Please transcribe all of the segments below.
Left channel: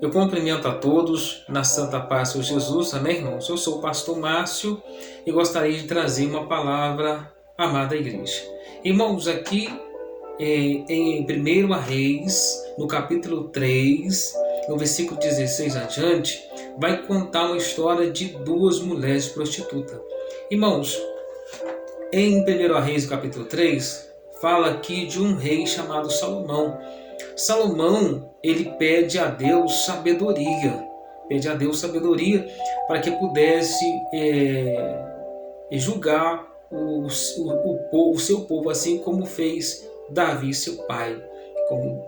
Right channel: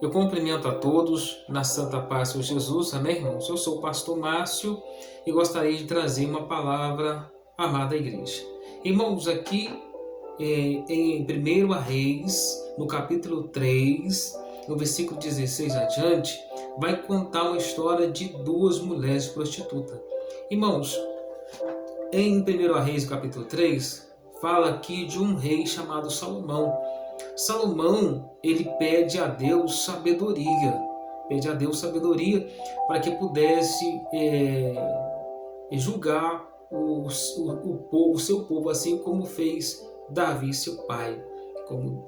Eu cumprimento a todos na Santa Paz do Jesus, amém, irmãos? Eu sou o pastor Márcio e gostaria de trazer uma palavra à amada igreja. Irmãos, aqui em 1 Reis, no capítulo 3, no versículo 16 adiante, vai contar uma história de duas mulheres prostitutas. Irmãos, em 1 Reis, capítulo 3, fala aqui de um rei chamado Salomão. Salomão, ele pede a Deus sabedoria, para que pudesse julgar o seu povo, assim como fez Davi, seu pai.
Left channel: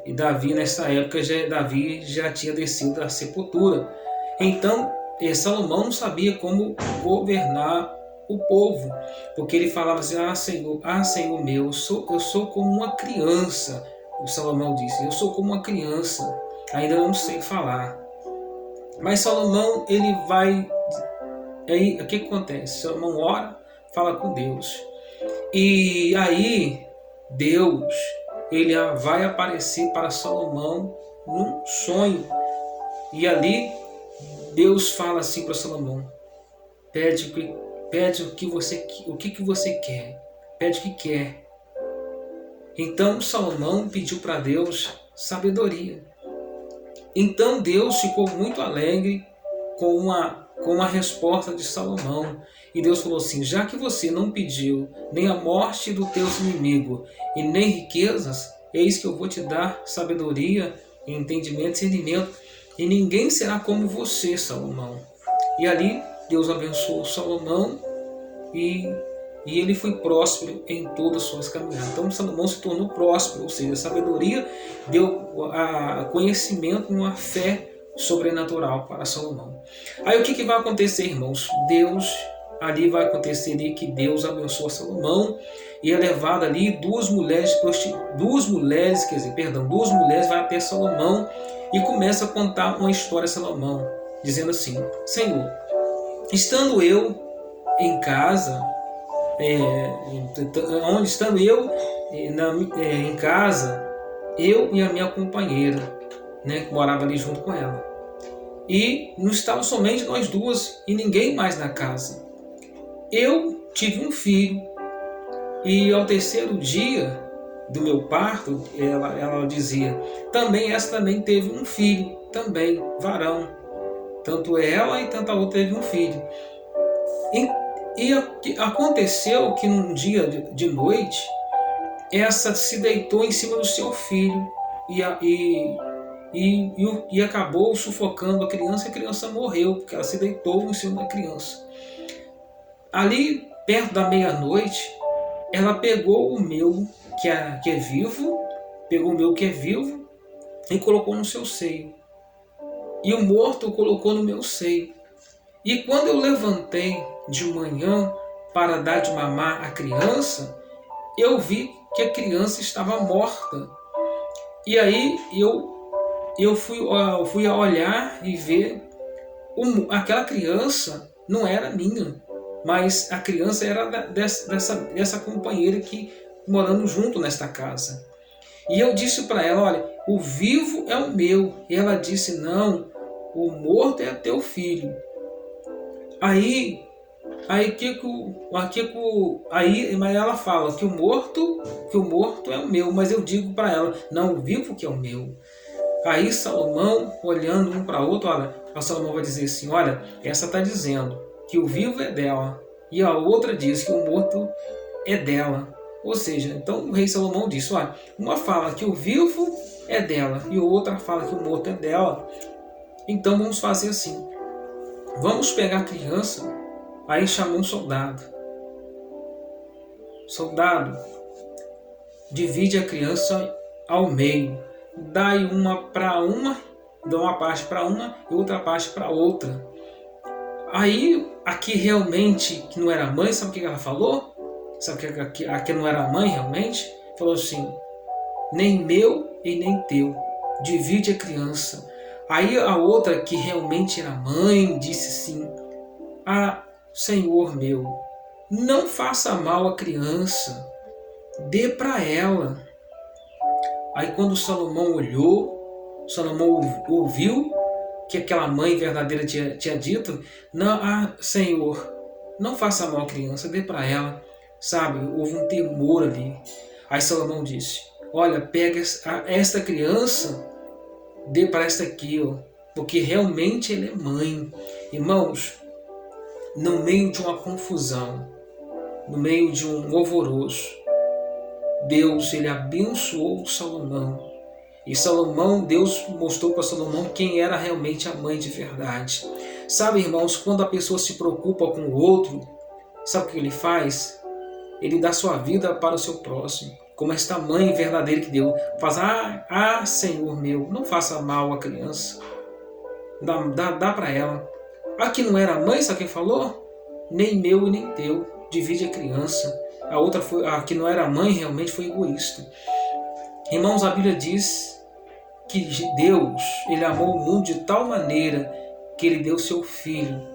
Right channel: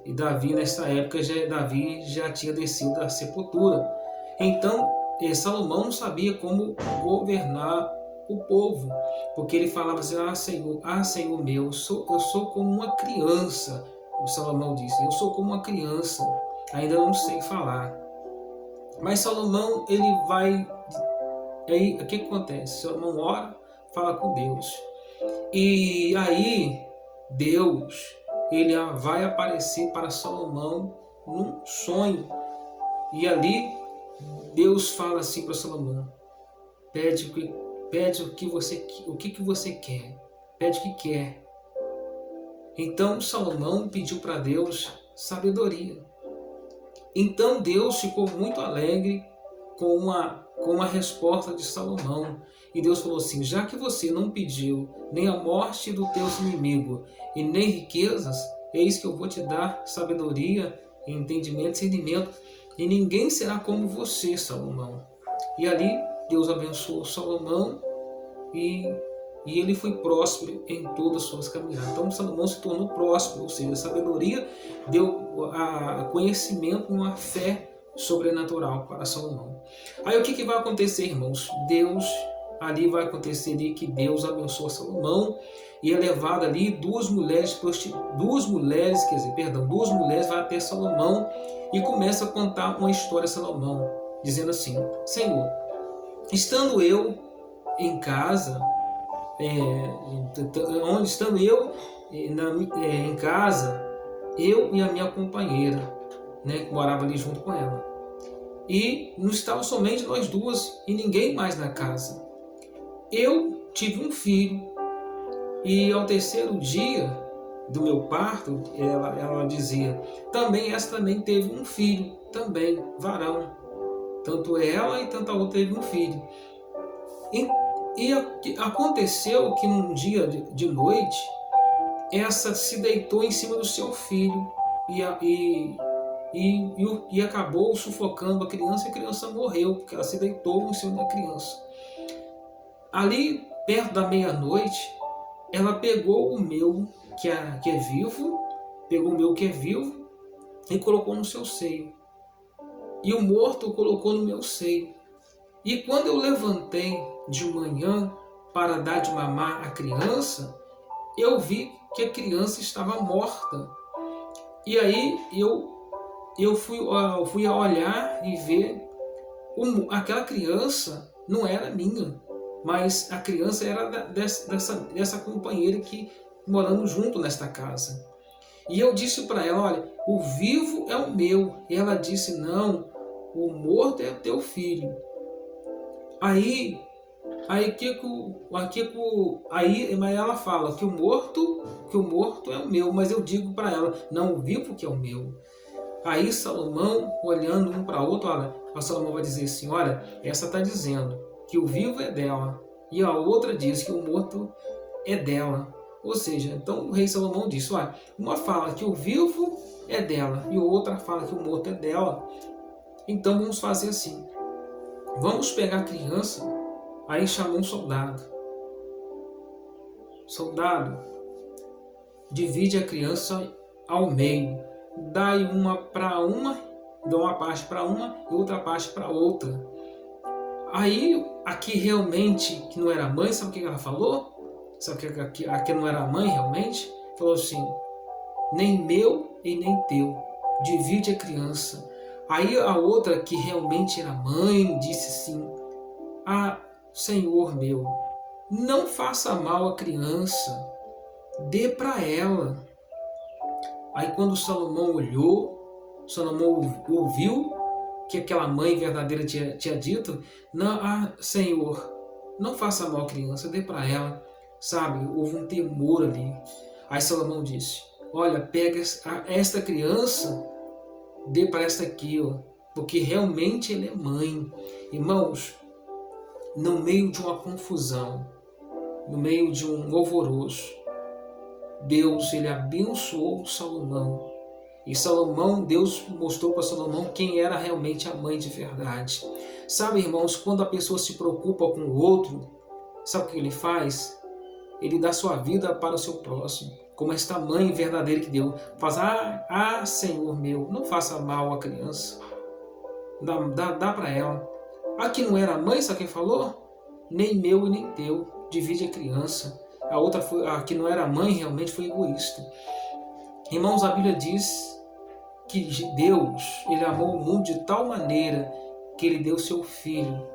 E Davi, nessa época, Davi já tinha descido da sepultura. Então, Salomão não sabia como governar o povo, porque ele falava assim: Senhor meu, eu sou como uma criança. O Salomão disse: eu sou como uma criança, ainda não sei falar. Mas Salomão, ele vai... Aí, o que acontece? Salomão ora, fala com Deus. E aí, Deus, ele vai aparecer para Salomão num sonho. E ali, Deus fala assim para Salomão: pede o que você quer. Pede o que quer. Então Salomão pediu para Deus sabedoria. Então Deus ficou muito alegre com a resposta de Salomão. E Deus falou assim: já que você não pediu nem a morte do teu inimigo e nem riquezas, eis que eu vou te dar sabedoria, entendimento e discernimento, e ninguém será como você, Salomão. E ali Deus abençoou Salomão e ele foi próspero em todas as suas caminhadas. Então Salomão se tornou próspero, ou seja, a sabedoria deu conhecimento, uma fé sobrenatural para Salomão. Aí o que vai acontecer, irmãos? Ali vai acontecer ali que Deus abençoa Salomão e é levado ali duas mulheres vai até Salomão e começa a contar uma história a Salomão, dizendo assim: Senhor, estando eu em casa, em casa, eu e a minha companheira, que morava ali junto com ela, e não estava somente nós duas e ninguém mais na casa. Eu tive um filho e ao terceiro dia do meu parto, ela dizia, essa também teve um filho, também varão, tanto ela e tanto a outra teve um filho. E aconteceu que num dia de noite, essa se deitou em cima do seu filho e acabou sufocando a criança, e a criança morreu, porque ela se deitou em cima da criança. Ali, perto da meia-noite, ela pegou o meu, que é vivo, e colocou no seu seio. E o morto colocou no meu seio. E quando eu levantei de manhã para dar de mamar à criança, eu vi que a criança estava morta. E aí eu fui a olhar e ver aquela criança não era minha, mas a criança era dessa companheira que morando junto nesta casa. E eu disse para ela: olha, o vivo é o meu. E ela disse: não, o morto é teu filho. Aí ela fala que o morto é o meu, mas eu digo para ela: não, o vivo que é o meu. Aí Salomão, olhando um para o outro, a Salomão vai dizer assim: olha, essa está dizendo que o vivo é dela, e a outra diz que o morto é dela. Ou seja, então o rei Salomão disse: olha, uma fala que o vivo é dela e a outra fala que o morto é dela. Então vamos fazer assim: vamos pegar a criança. Aí chamou um soldado. Soldado, divide a criança ao meio. Dá uma parte para uma e outra parte para outra. Aí, aqui realmente, que não era mãe, sabe o que ela falou? Sabe que aqui não era mãe realmente? Falou assim: nem meu e nem teu. Divide a criança. Aí a outra, que realmente era mãe, disse assim: Senhor meu, não faça mal à criança, dê para ela. Aí quando Salomão olhou, Salomão ouviu que aquela mãe verdadeira tinha dito: não, Senhor, não faça mal à criança, dê para ela. Sabe, houve um temor ali. Aí Salomão disse: olha, pega esta criança, dê para esta aqui, ó, porque realmente ela é mãe. Irmãos, no meio de uma confusão, no meio de um alvoroço, Deus, ele abençoou Salomão. E Salomão, Deus mostrou para Salomão quem era realmente a mãe de verdade. Sabe, irmãos, quando a pessoa se preocupa com o outro, sabe o que ele faz? Ele dá sua vida para o seu próximo. Como esta mãe verdadeira que deu. Faz, Senhor meu, não faça mal à criança. Dá para ela. A que não era mãe, sabe quem falou? Nem meu e nem teu. Divide a criança. A outra foi, a que não era mãe realmente foi egoísta. Irmãos, a Bíblia diz que Deus, ele amou o mundo de tal maneira que ele deu seu filho,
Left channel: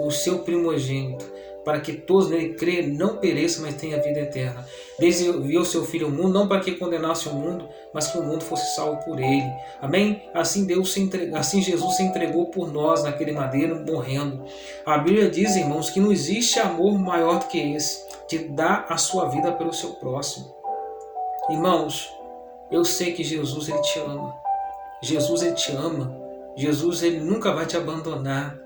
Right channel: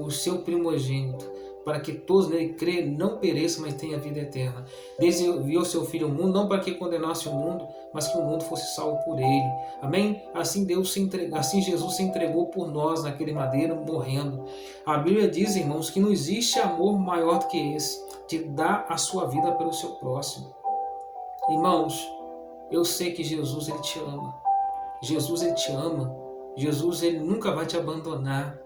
o seu primogênito, para que todos nele crêem não pereçam, mas tenham a vida eterna. Deus enviou seu filho ao mundo, não para que condenasse o mundo, mas que o mundo fosse salvo por ele. Amém? Assim Jesus se entregou por nós naquele madeiro, morrendo. A Bíblia diz, irmãos, que não existe amor maior do que esse, de dar a sua vida pelo seu próximo. Irmãos, eu sei que Jesus, ele te ama. Jesus, ele te ama. Jesus, ele nunca vai te abandonar.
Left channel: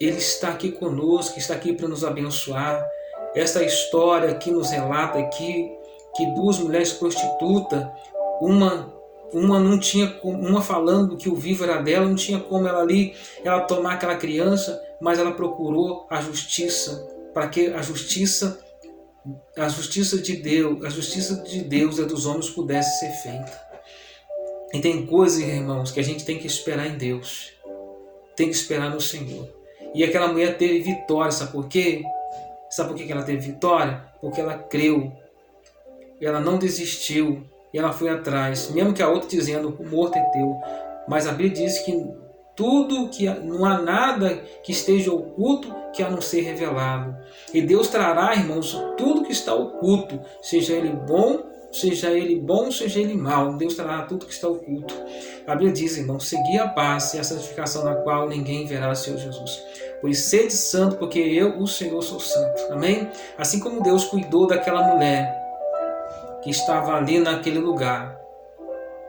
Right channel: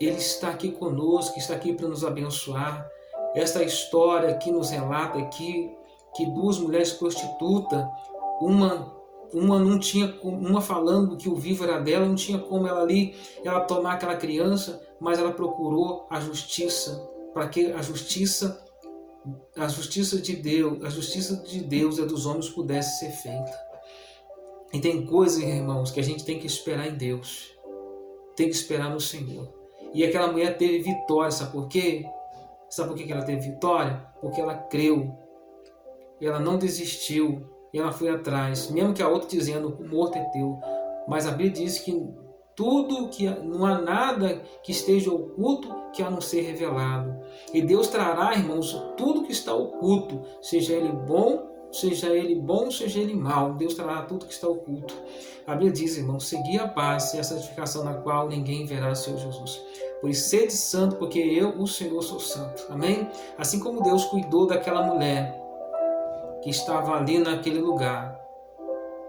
Ele está aqui conosco, está aqui para nos abençoar. Esta história aqui nos relata aqui que duas mulheres prostitutas, uma não tinha, uma falando que o vivo era dela, não tinha como ela tomar aquela criança, mas ela procurou a justiça, para que a justiça de Deus e a dos homens pudesse ser feita. E tem coisas, irmãos, que a gente tem que esperar em Deus, tem que esperar no Senhor. E aquela mulher teve vitória, sabe por quê? Sabe por que ela teve vitória? Porque ela creu, ela não desistiu, e ela foi atrás, mesmo que a outra dizendo: o morto é teu. Mas a Bíblia diz que não há nada que esteja oculto que a não ser revelado. E Deus trará, irmãos, tudo que está oculto, seja ele bom, seja ele mau. Deus trará tudo que está oculto. A Bíblia diz, irmãos: segui a paz e a santificação, na qual ninguém verá o Senhor Jesus. Pois sede santo, porque eu, o Senhor, sou santo. Amém? Assim como Deus cuidou daquela mulher que estava ali naquele lugar,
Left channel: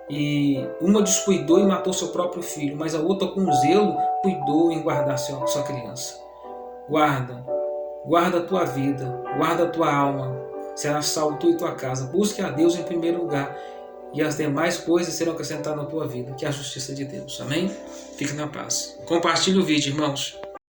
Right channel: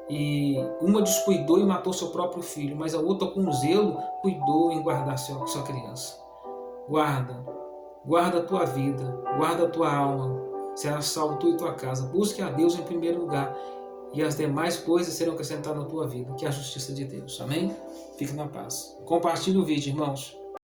e uma descuidou e matou seu próprio filho, mas a outra, com zelo, cuidou em guardar sua criança. Guarda a tua vida, guarda a tua alma, será salvo tu e tua casa. Busque a Deus em primeiro lugar, e as demais coisas serão acrescentadas na tua vida, que é a justiça de Deus. Amém? Fique na paz. Compartilhe o vídeo, irmãos.